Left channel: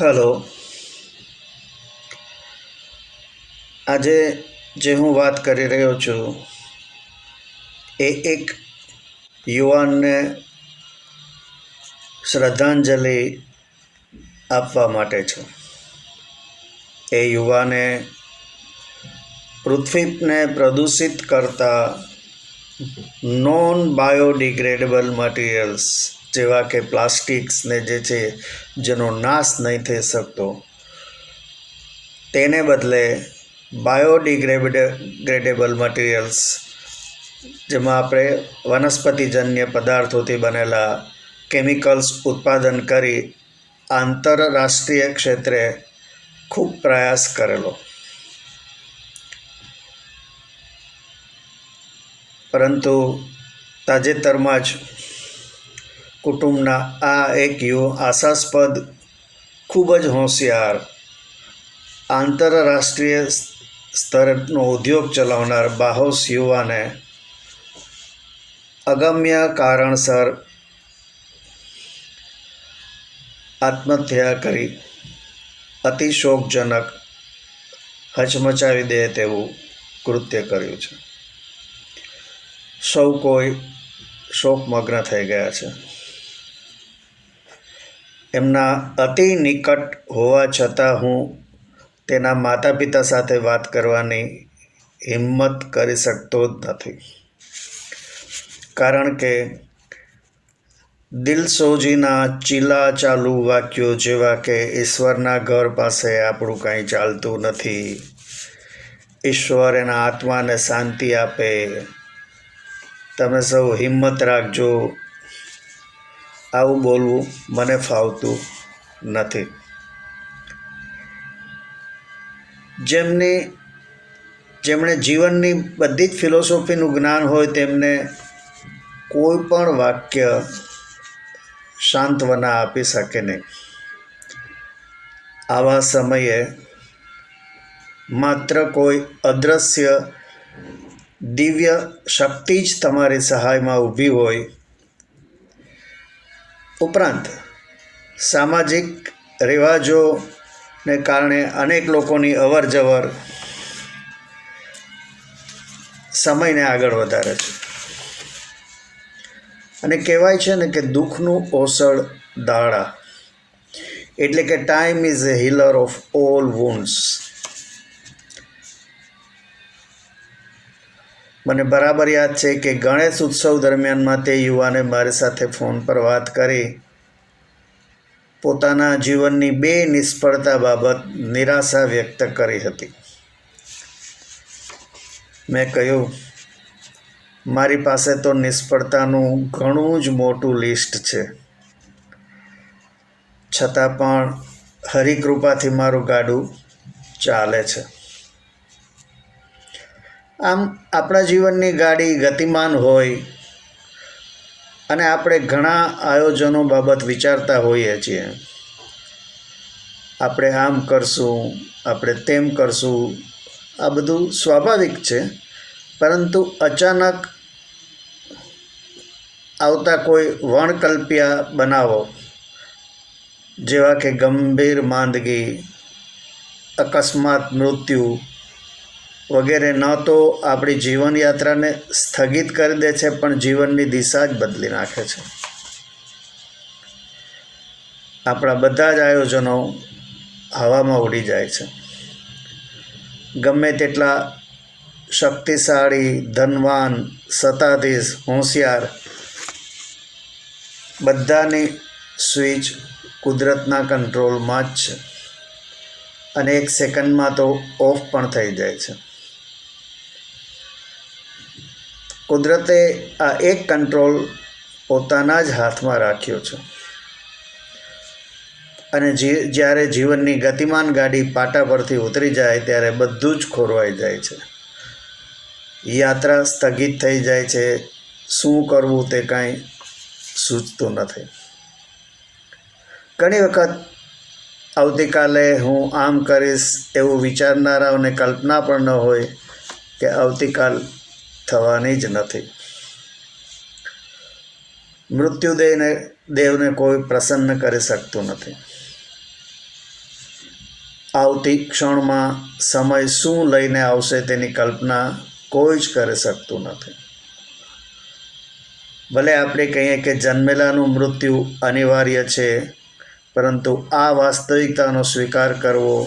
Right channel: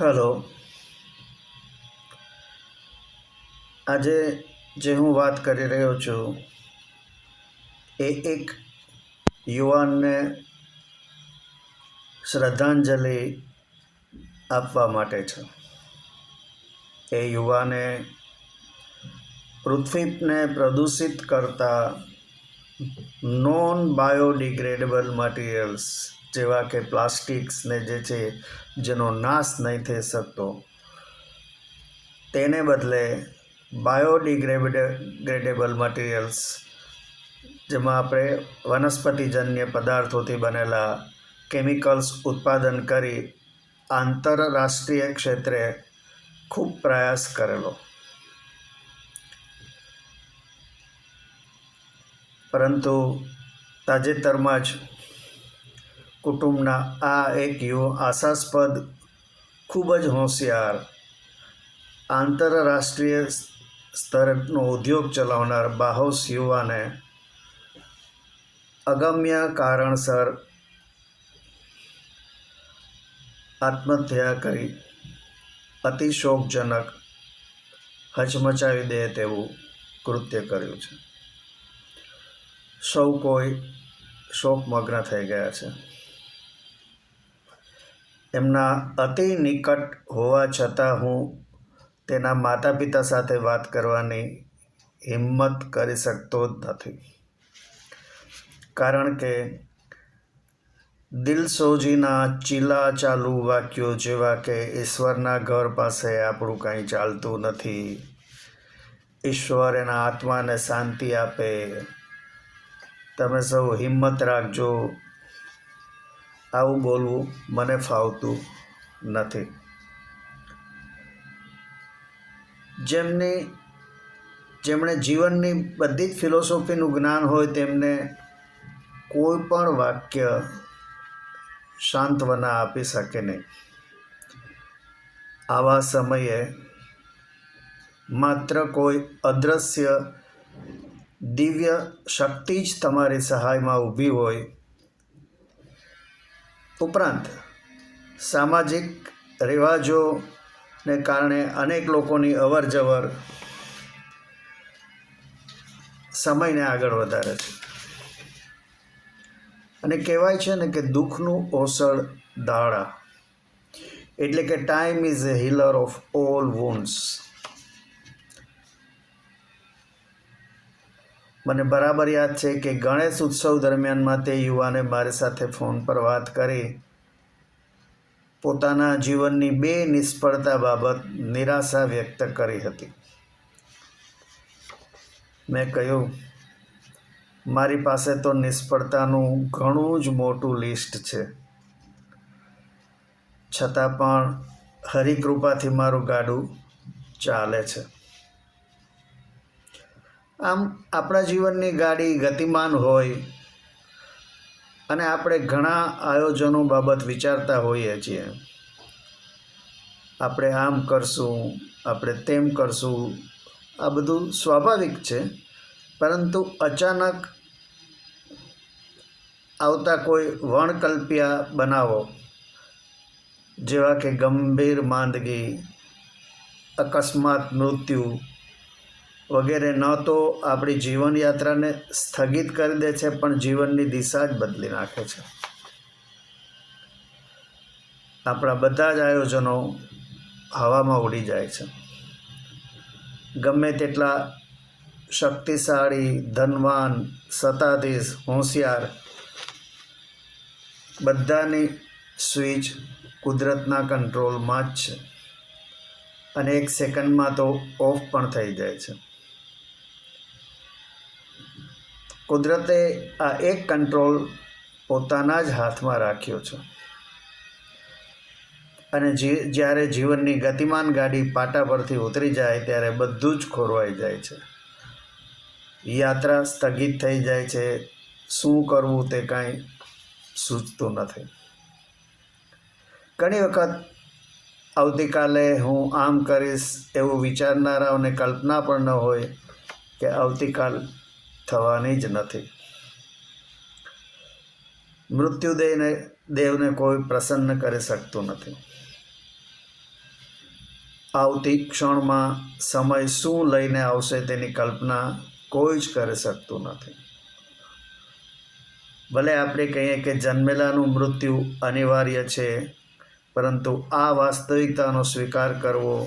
Hello. આજે જે હું વાત કરી રહ્યો છું એ એક યુવાનને શ્રદ્ધાંજલિ આપવા માટે છે. એ યુવાને પૃથ્વીને પ્રદૂષિત કરતા નોન બાયોડિગ્રેડેબલ મટીરિયલ્સ જેવા કે પ્લાસ્ટિક્સને જે છે જેનો નાશ નહીં થઈ શકતો, તેને બદલે બાયોડિગ્રેડેબલ મટીરિયલ્સ જેમાં આપણે વનસ્પતિજન્ય પદાર્થોથી બનેલા કેમિકલ્સ ઉત્પાદન કરી આંતરરાષ્ટ્રીય ક્ષેત્રે ખૂબ પ્રયાસ કરેલો, પરંતુ તાજેતરમાં જ કુટુંબના આ એક આશાસ્પદ, ખૂબ જ હોશિયાર, આંતરરાષ્ટ્રીય સ્તરનો ઉદ્યોગ ચલાવનાર બાહોશ યુવાને અગમ્ય કારણસર આત્મહત્યા કરી અતિ શોકજનક, હચમચાવી દે તેવું કૃત્ય કર્યું છે. સૌ કોઈ શોકમગ્ન થઈ ગયા છે. એમના અતિ નિકટ હોવા છતાં હું તેના માતા પિતા સાથે વાત કરવાની હિંમત કરી શકતો જ નથી, કારણ કે દિલસોજીના ચીલાચાલુ વાક્યો જેવા કે ઈશ્વરના ઘર પાસે આપણું કાંઈ ચાલતું નથી, ઈશ્વર એના આત્માને શાંતિ આપે, તમે સૌ હિંમત રાખજો, આવું બોલવું મને ફાવતું નથી. જેમણે જીવનની બધી જ ફિલોસોફીનું જ્ઞાન હોય તેમને કોઈ પણ વાક્ય સાંત્વના આપી શકે નહીં. આવા સમયે માત્ર કોઈ અદૃશ્ય દિવ્ય શક્તિ જ તમારી સહાયમાં ઊભી હોય, ઉપરાંત સામાજિક રિવાજોને કારણે અનેક લોકોની અવર જવર સમયને આગળ વધારે છે. અને કહેવાય છે ને કે દુઃખનું ઓસડ દાડા, એટલે કે time is a healer of all wounds. મને બરાબર યાદ છે કે ગણેશ ઉત્સવ દરમિયાનમાં તે યુવાને મારી સાથે ફોન પર વાત કરી પોતાના જીવનની 2 નિષ્ફળતા બાબત નિરાશા વ્યક્ત કરી હતી. મેં કહ્યું, મારી પાસે તો નિષ્ફળતાનું ઘણું જ મોટું લિસ્ટ છે, છતાં પણ હરિકૃપાથી મારું ગાડું ચાલે છે. આમ આપણા જીવનની ગાડી ગતિમાન હોય અને આપણે ઘણા આયોજનો બાબત વિચારતા હોઈએ છીએ. આપણે આમ કરશું, આપણે તેમ કરશું, આ બધું સ્વાભાવિક છે, પરંતુ અચાનક આવતા કોઈ વણકલ્પ્યા બનાવો જેવા કે ગંભીર માંદગી, અકસ્માત મૃત્યુ વગેરે ન તો આપણી જીવનયાત્રાને સ્થગિત કરી દે છે, પણ જીવનની દિશા જ બદલી નાખે છે. આપણા બધા જ આયોજનો હવામાં ઉડી જાય છે. ગમે તેટલા શક્તિશાળી, ધનવાન, સત્તાધીશ, હોશિયાર, બધાની સ્વિચ કુદરતના કંટ્રોલમાં જ છે અને 1 સેકન્ડમાં તો ઓફ પણ થઈ જાય છે. કુદરતે આ એક કંટ્રોલ પોતાના જ હાથમાં રાખ્યો છે અને જ્યારે જીવનની ગતિમાન ગાડી પાટા પરથી ઉતરી જાય ત્યારે બધું જ ખોરવાઈ જાય છે. યાત્રા સ્થગિત થઈ જાય છે. શું કરવું તે કાંઈ સૂચતું નથી. ઘણી વખત આવતીકાલે હું આમ કરીશ એવું વિચારનારાઓને કલ્પના પણ ન હોય કે આવતીકાલ થવાની જ નથી. મૃત્યુદેવને કોઈ પ્રસન્ન કરી શકતું નથી. આવતી ક્ષણમાં સમય શું લઈને આવશે તેની કલ્પના કોઈ જ કરી શકતું નથી. ભલે આપણે કહીએ કે જન્મેલાનું મૃત્યુ અનિવાર્ય છે, પરંતુ આ વાસ્તવિકતાનો સ્વીકાર કરવો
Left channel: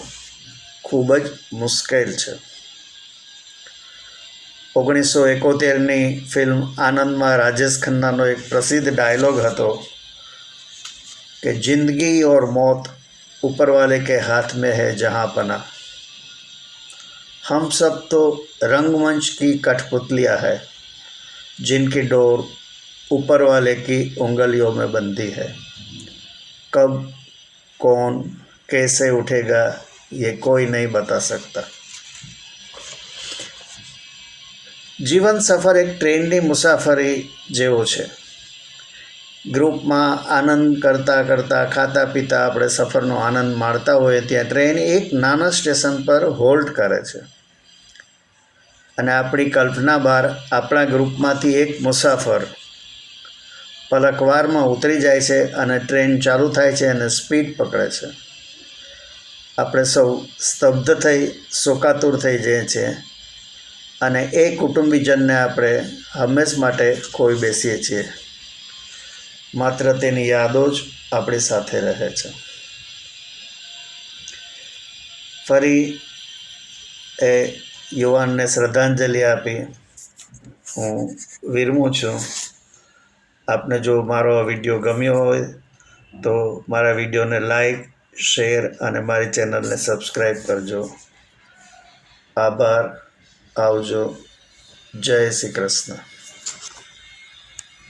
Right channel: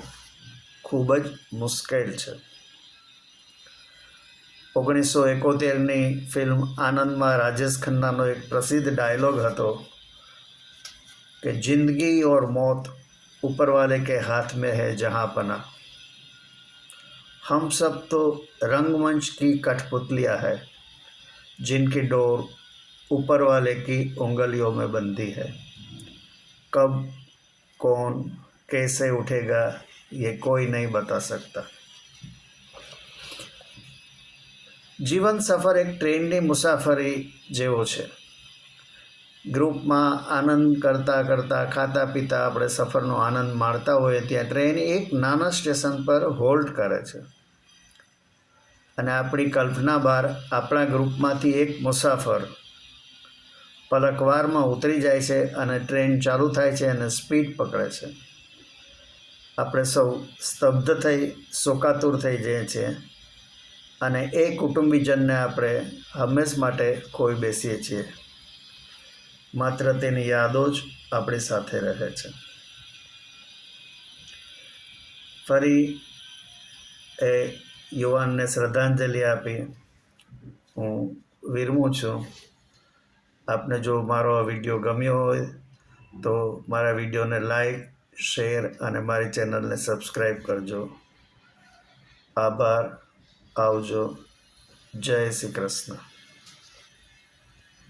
ખૂબ જ મુશ્કેલ છે. 1971ની ફિલ્મ આનંદમાં રાજેશ ખન્નાનો એક પ્રસિદ્ધ ડાયલોગ હતો કે જિંદગી और मौत ऊपर वाले के हाथ में है जहाँ पना, हम सब तो रंगमंच की कठपुतलियाँ है जिनकी डोर ऊपर वाले की उंगलियों में बंधी है, कब कौन कैसे उठेगा ये कोई नहीं बता सकता. જીવન સફર એક ટ્રેનની મુસાફરી જેવો છે. ગ્રુપમાં આનંદ કરતાં કરતાં ખાતા પીતા આપણે સફરનો આનંદ માણતા હોઈએ ત્યાં ટ્રેન એક નાના સ્ટેશન પર હોલ્ટ કરે છે અને આપણી કલ્પના બહાર આપણા ગ્રુપમાંથી એક મુસાફર પલકવારમાં ઉતરી જાય છે અને ટ્રેન ચાલુ થાય છે અને સ્પીડ પકડે છે. આપણે સૌ સ્તબ્ધ થઈ શોકાતુર થઈ જઈએ છીએ અને એ કુટુંબીજનને આપણે હંમેશ માટે ખોઈ બેસીએ છીએ. માત્ર તેની યાદો જ આપણી સાથે રહે છે. ફરી એ યુવાનને શ્રદ્ધાંજલિ આપી હું વિરમું છું. આપને જો મારો આ વિડીયો ગમ્યો હોય તો મારા વિડીયોને લાઈક, શેર અને મારી ચેનલને સબસ્ક્રાઈબ કરજો. આભાર. આવજો. જય શ્રી કૃષ્ણ.